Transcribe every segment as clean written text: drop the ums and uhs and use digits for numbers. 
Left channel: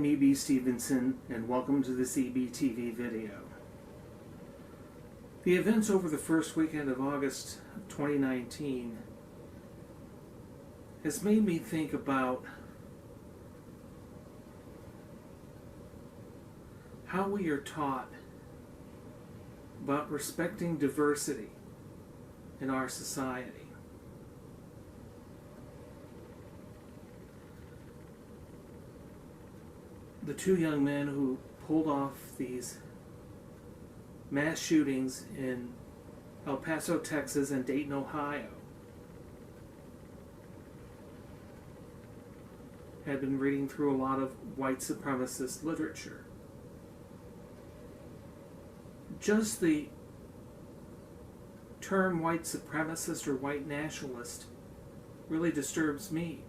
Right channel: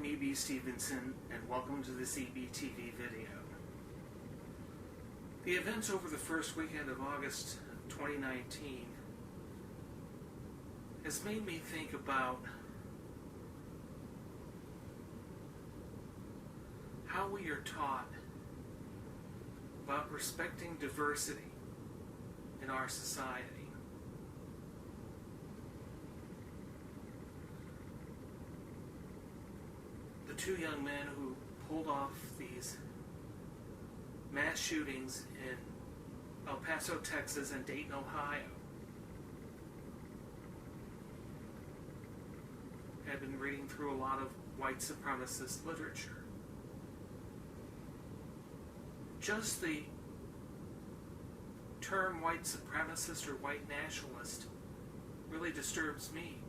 I'm E.B. Stevenson, and welcome to this EBTV video. The events over the first weekend of August 2019 has made me think about how we are taught about respecting diversity in our society. The two young men who pulled off these mass shootings in El Paso, Texas and Dayton, Ohio had been reading through a lot of white supremacist literature. Just the term white supremacist or white nationalist really disturbs me.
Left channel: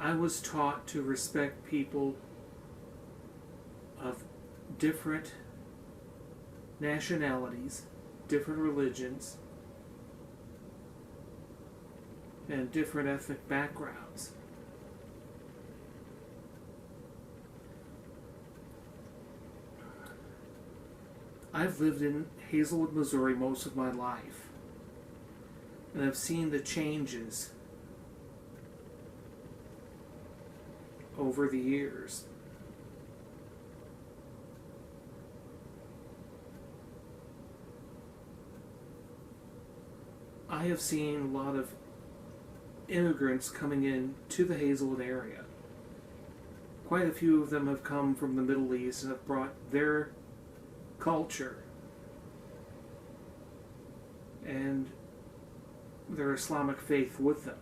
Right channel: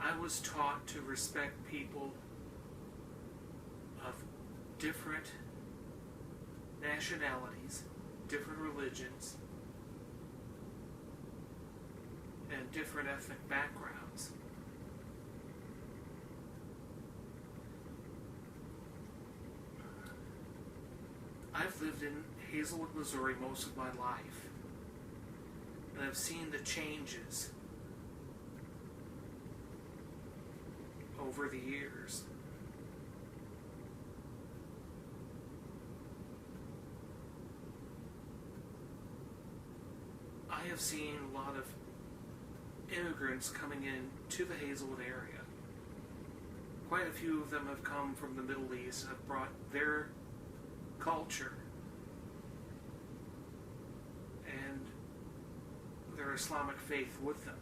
I was taught to respect people of different nationalities, different religions, and different ethnic backgrounds. I've lived in Hazelwood, Missouri most of my life, and I've seen the changes over the years. I have seen a lot of immigrants coming in to the Hazelwood area. Quite a few of them have come from the Middle East and have brought their culture and their Islamic faith with them.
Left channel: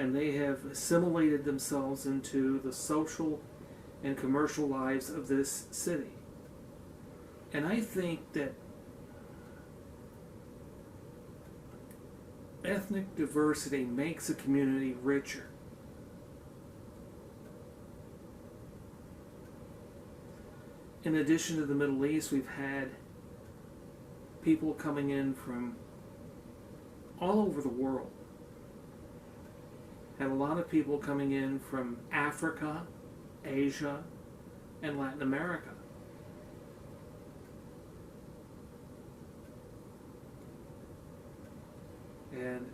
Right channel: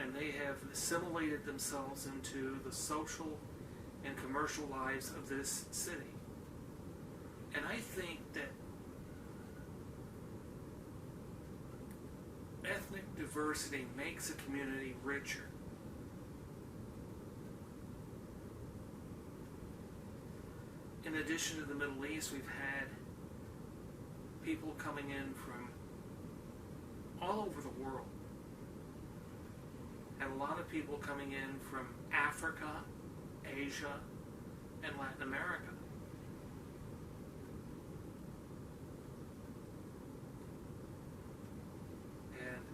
And they have assimilated themselves into the social and commercial lives of this city. And I think that ethnic diversity makes a community richer. In addition to the Middle East, we've had people coming in from all over the world. Had a lot of people coming in from Africa, Asia, and Latin America. And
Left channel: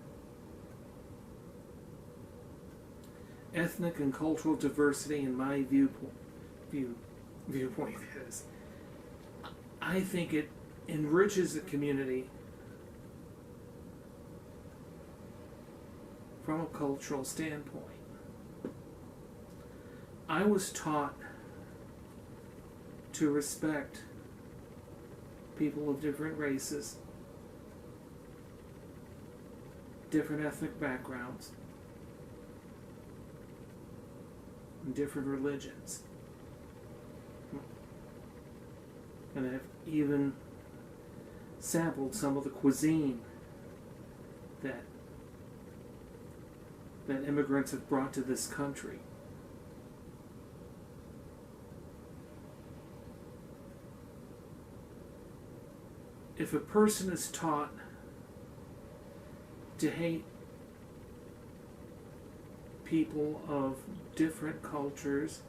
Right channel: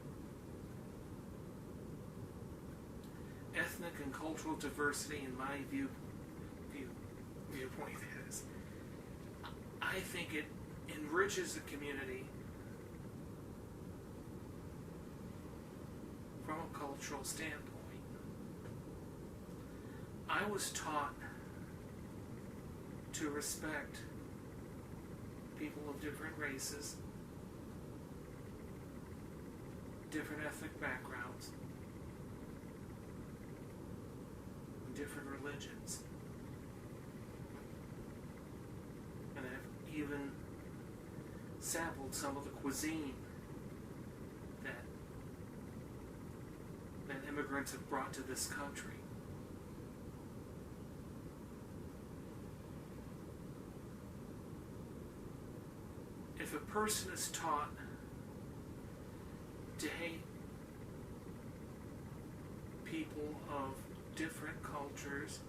ethnic and cultural diversity, in my viewpoint is, I think it enriches the community from a cultural standpoint. I was taught to respect people of different races, different ethnic backgrounds, and different religions. And I've even sampled some of the cuisine that immigrants have brought to this country. If a person is taught to hate people of different cultures,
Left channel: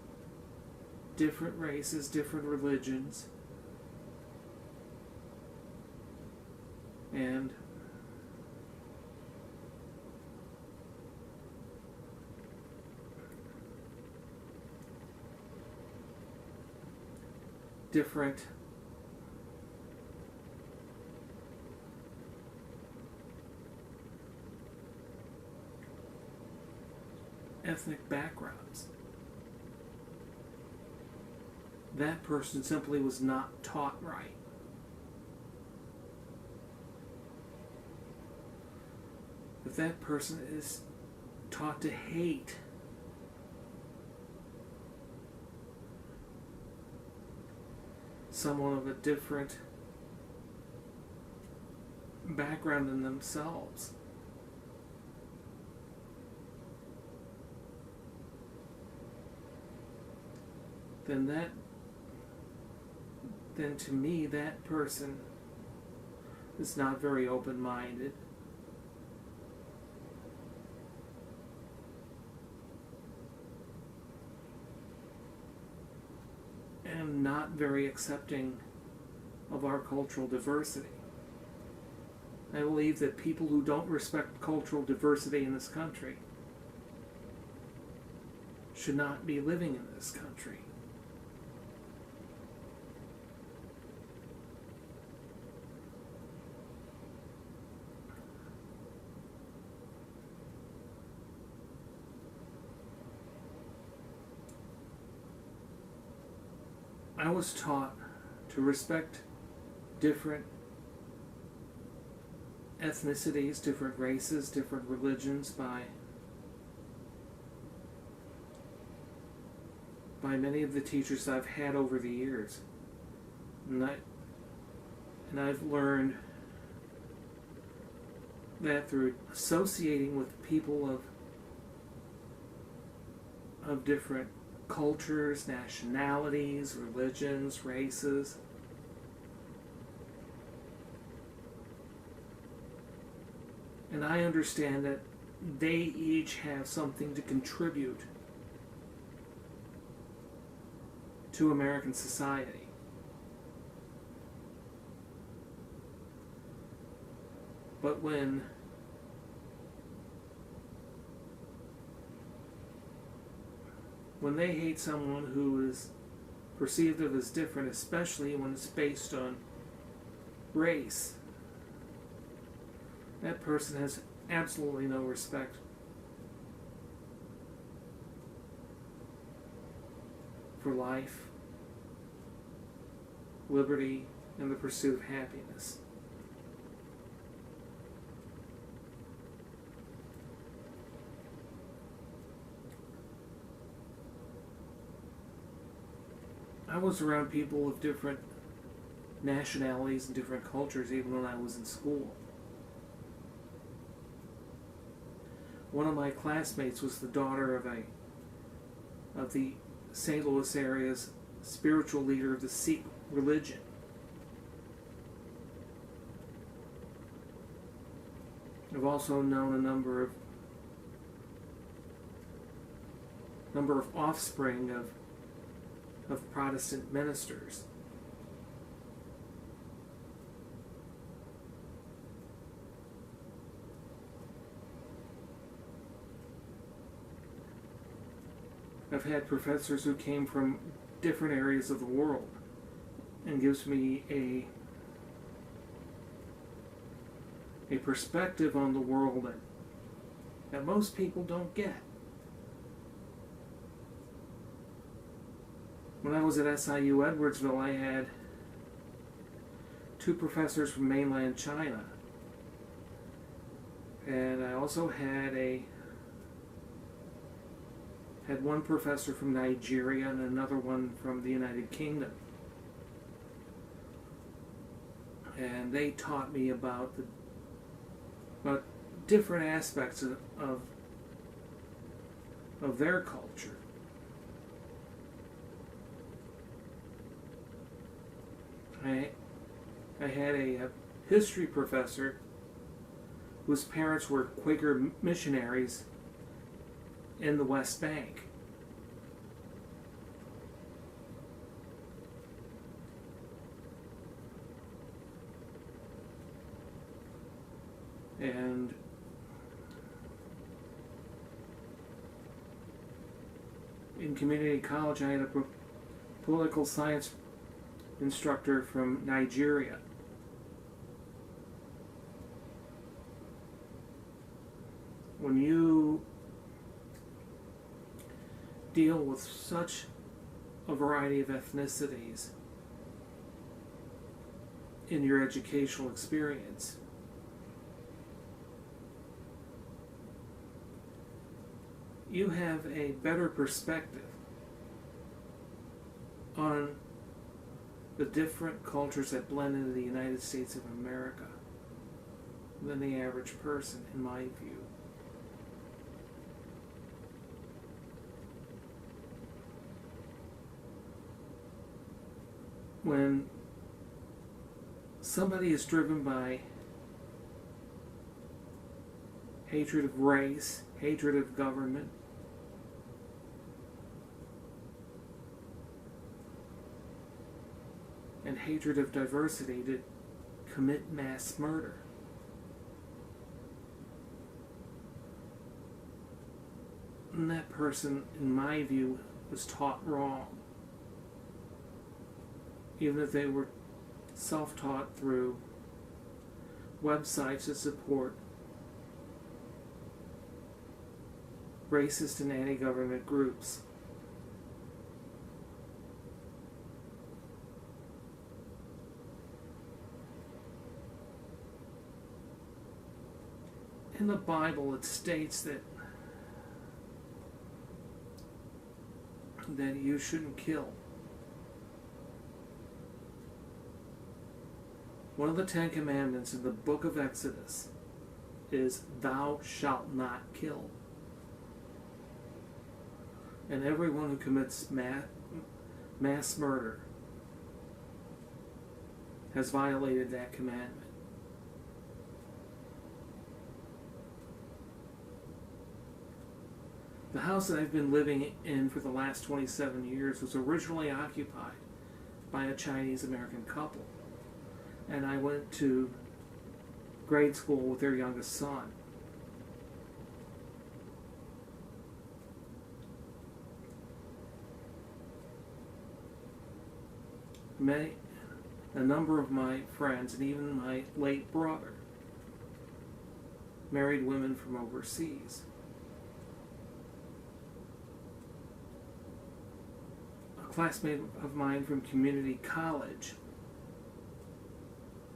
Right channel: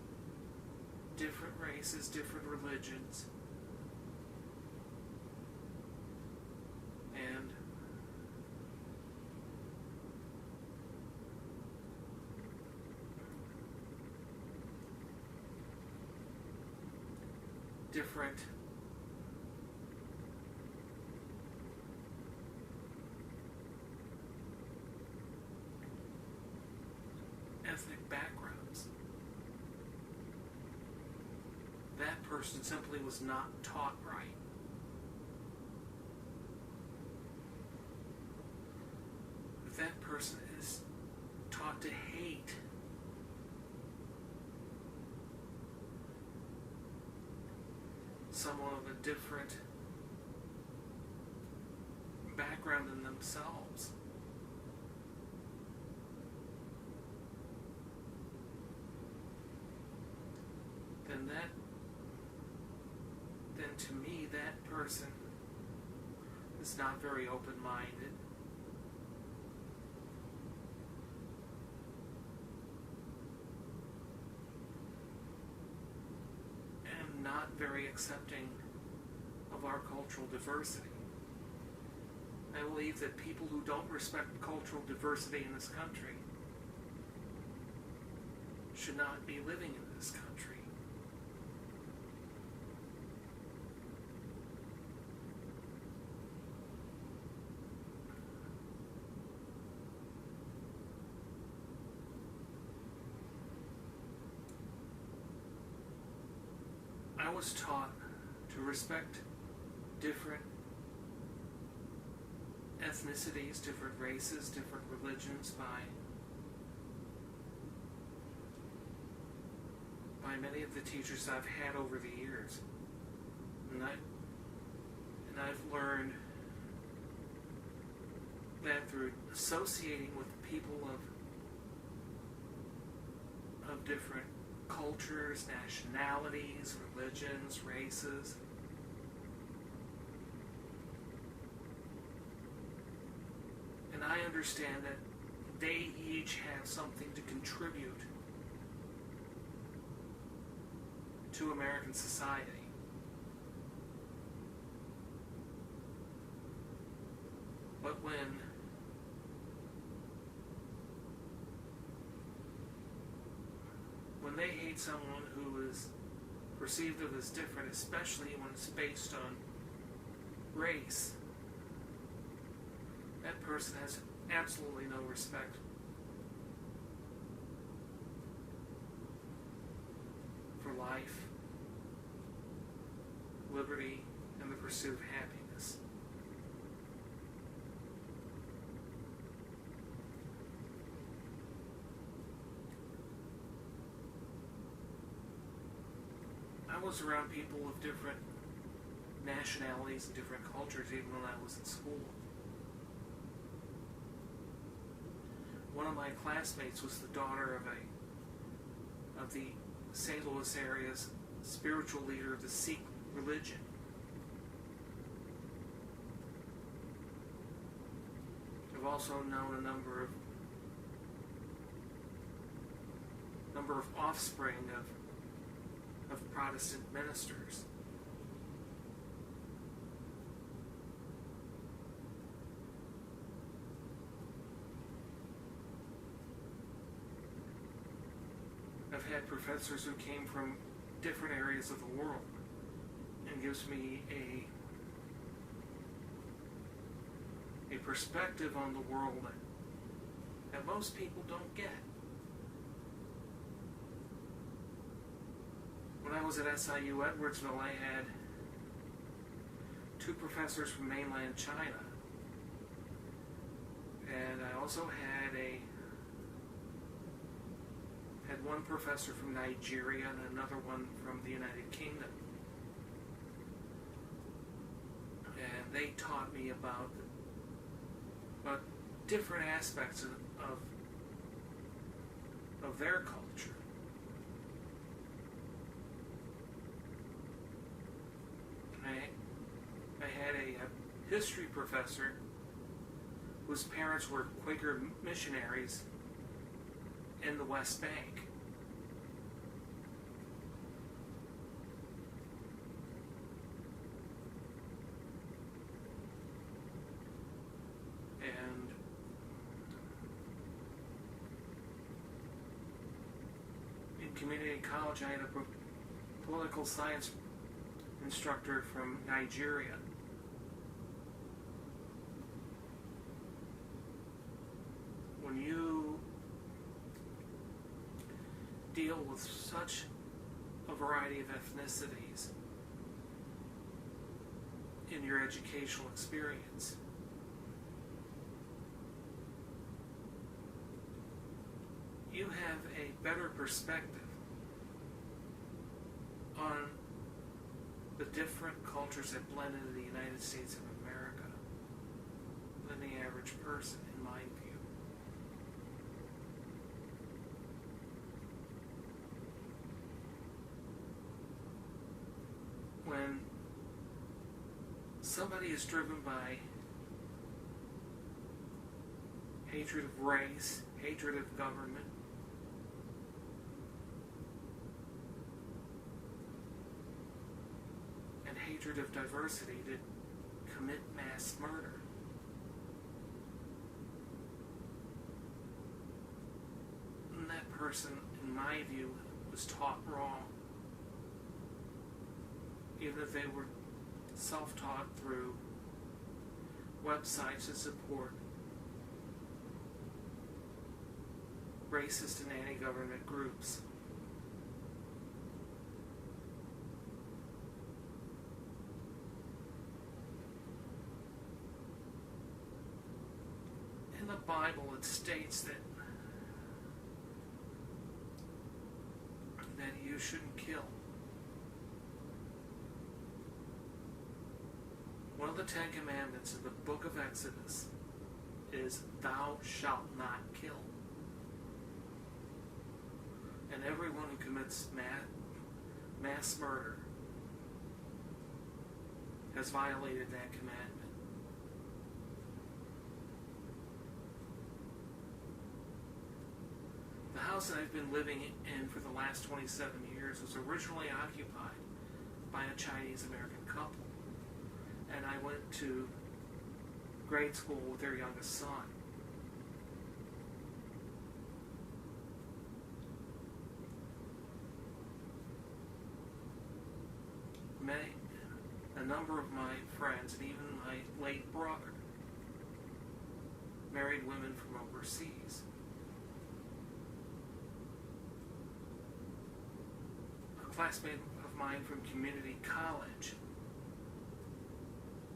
different races, different religions, and different ethnic backgrounds, that person simply was not taught right. If that person is taught to hate someone of a different background than themselves, then to me that person is not very open-minded not very accepting of our cultural diversity. I believe that people who don't respect cultural diversity in this country should not be living in this country. I was taught to respect different ethnicities, different races, different religions by many of the teachers I've had over the years. And I've learned that through associating with people of different cultures, nationalities, religions, races, and I understand that they each have something to contribute to American society. But when they hate someone who is perceived of as different, especially when it's based on race, that person has absolutely no respect for life, liberty, and the pursuit of happiness. I was around people of different nationalities and different cultures even when I was in school. One of my classmates was the daughter of the St. Louis area's spiritual leader of the Sikh religion. I've also known a number of offspring of Protestant ministers. I've had professors who came from different areas of the world, and gives me a perspective on the world that most people don't get. When I was at SIU Edwardsville, I had 2 professors from mainland China, and I also had one professor from Nigeria and another one from the United Kingdom. And they taught me about different aspects of their culture. I had a history professor whose parents were Quaker missionaries in the West Bank. And in community college, I had a political science instructor from Nigeria. When you deal with such a variety of ethnicities in your educational experience, you have a better perspective on the different cultures that blend into the United States of America than the average person, in my view. When somebody is driven by hatred of race, hatred of government, and hatred of diversity to commit mass murder. And that person, in my view, was taught wrong. Even if they were self-taught through websites that support racist and anti-government groups. In the Bible, it states that you shouldn't kill. One of the 10 Commandments in the book of Exodus is, "Thou shalt not kill." And everyone who commits mass murder has violated that commandment. The house that I've been living in for the last 27 years was originally occupied by a Chinese-American couple. And I went to grade school with their youngest son. A number of my friends, and even my late brother, married women from overseas. A classmate of mine from community college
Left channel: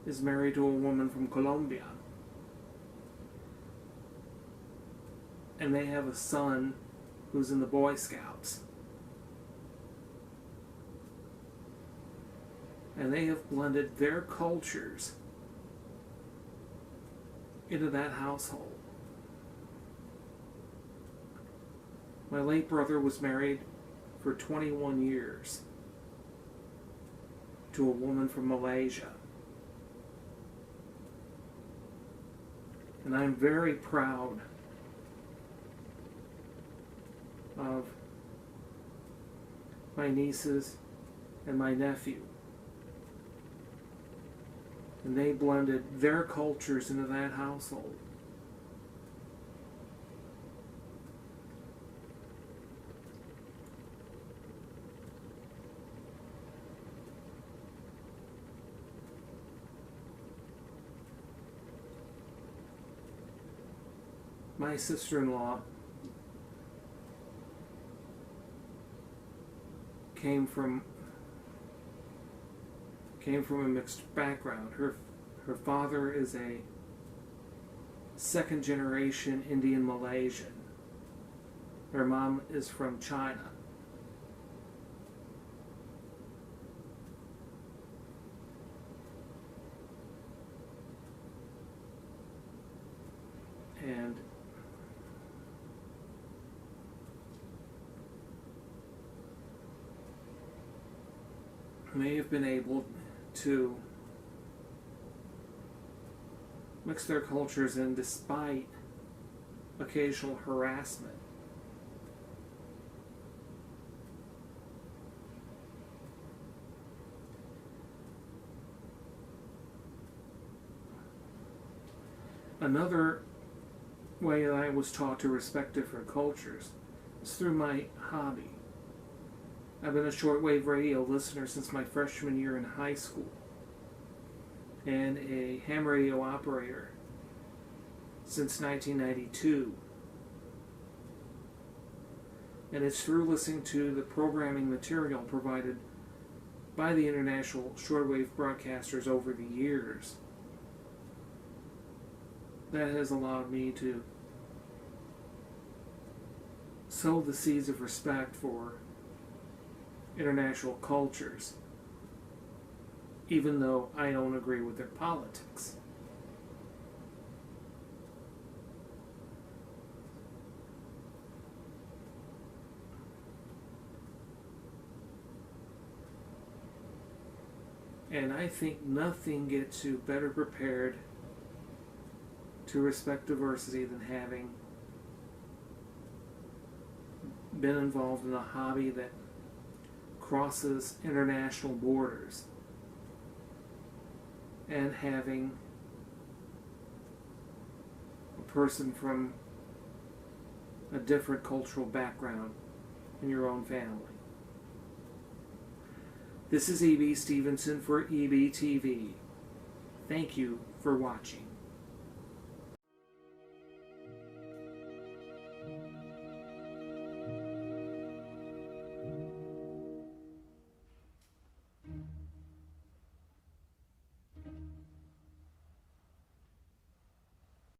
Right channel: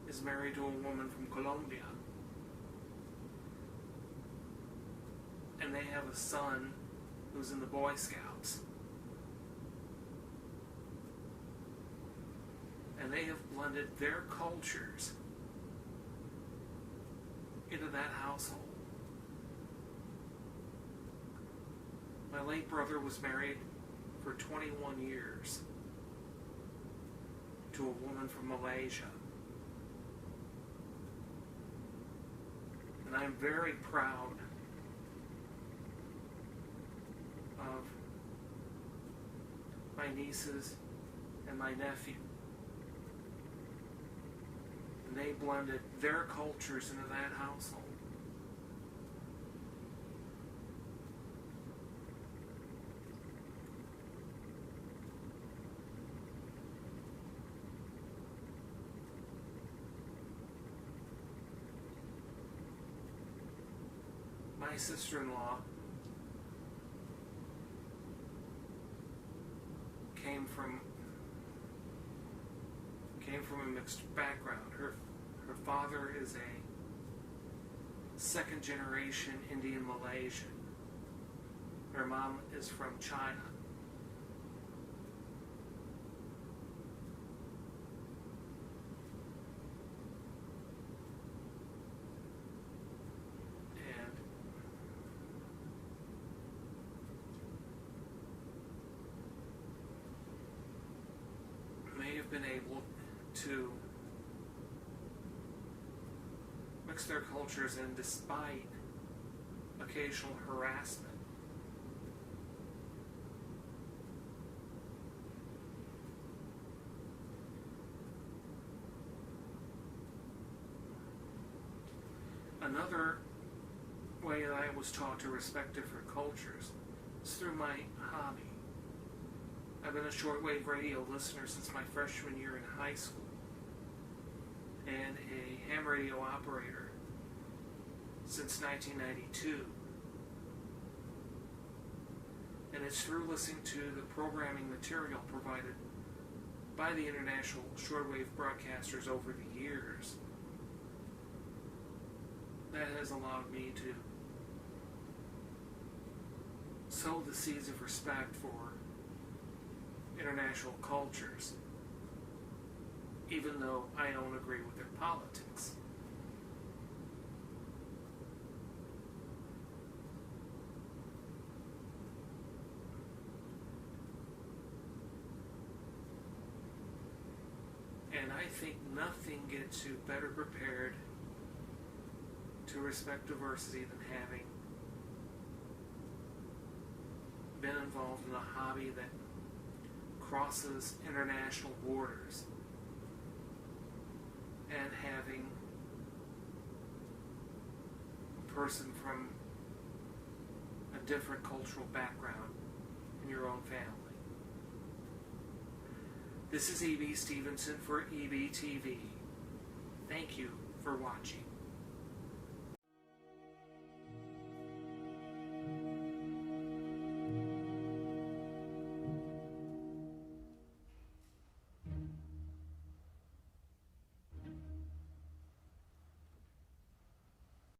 is married to a woman from Colombia. And they have a son who's in the Boy Scouts. And they have blended their cultures into that household. My late brother was married for 21 years to a woman from Malaysia. And I'm very proud of my nieces and my nephew. And they blended their cultures into that household. My sister-in-law came from a mixed background. Her father is a second-generation Indian Malaysian. Her mom is from China. And may have been able to mix their cultures in despite occasional harassment. Another way that I was taught to respect different cultures is through my hobby. I've been a shortwave radio listener since my freshman year in high school, and a ham radio operator since 1992. And it's through listening to the programming material provided by the international shortwave broadcasters over the years that has allowed me to sow the seeds of respect for international cultures, even though I don't agree with their politics. And I think nothing gets you better prepared to respect diversity than having been involved in a hobby that crosses international borders. and having a person from a different cultural background in your own family. This is E.B. Stevenson for EBTV. Thank you for watching.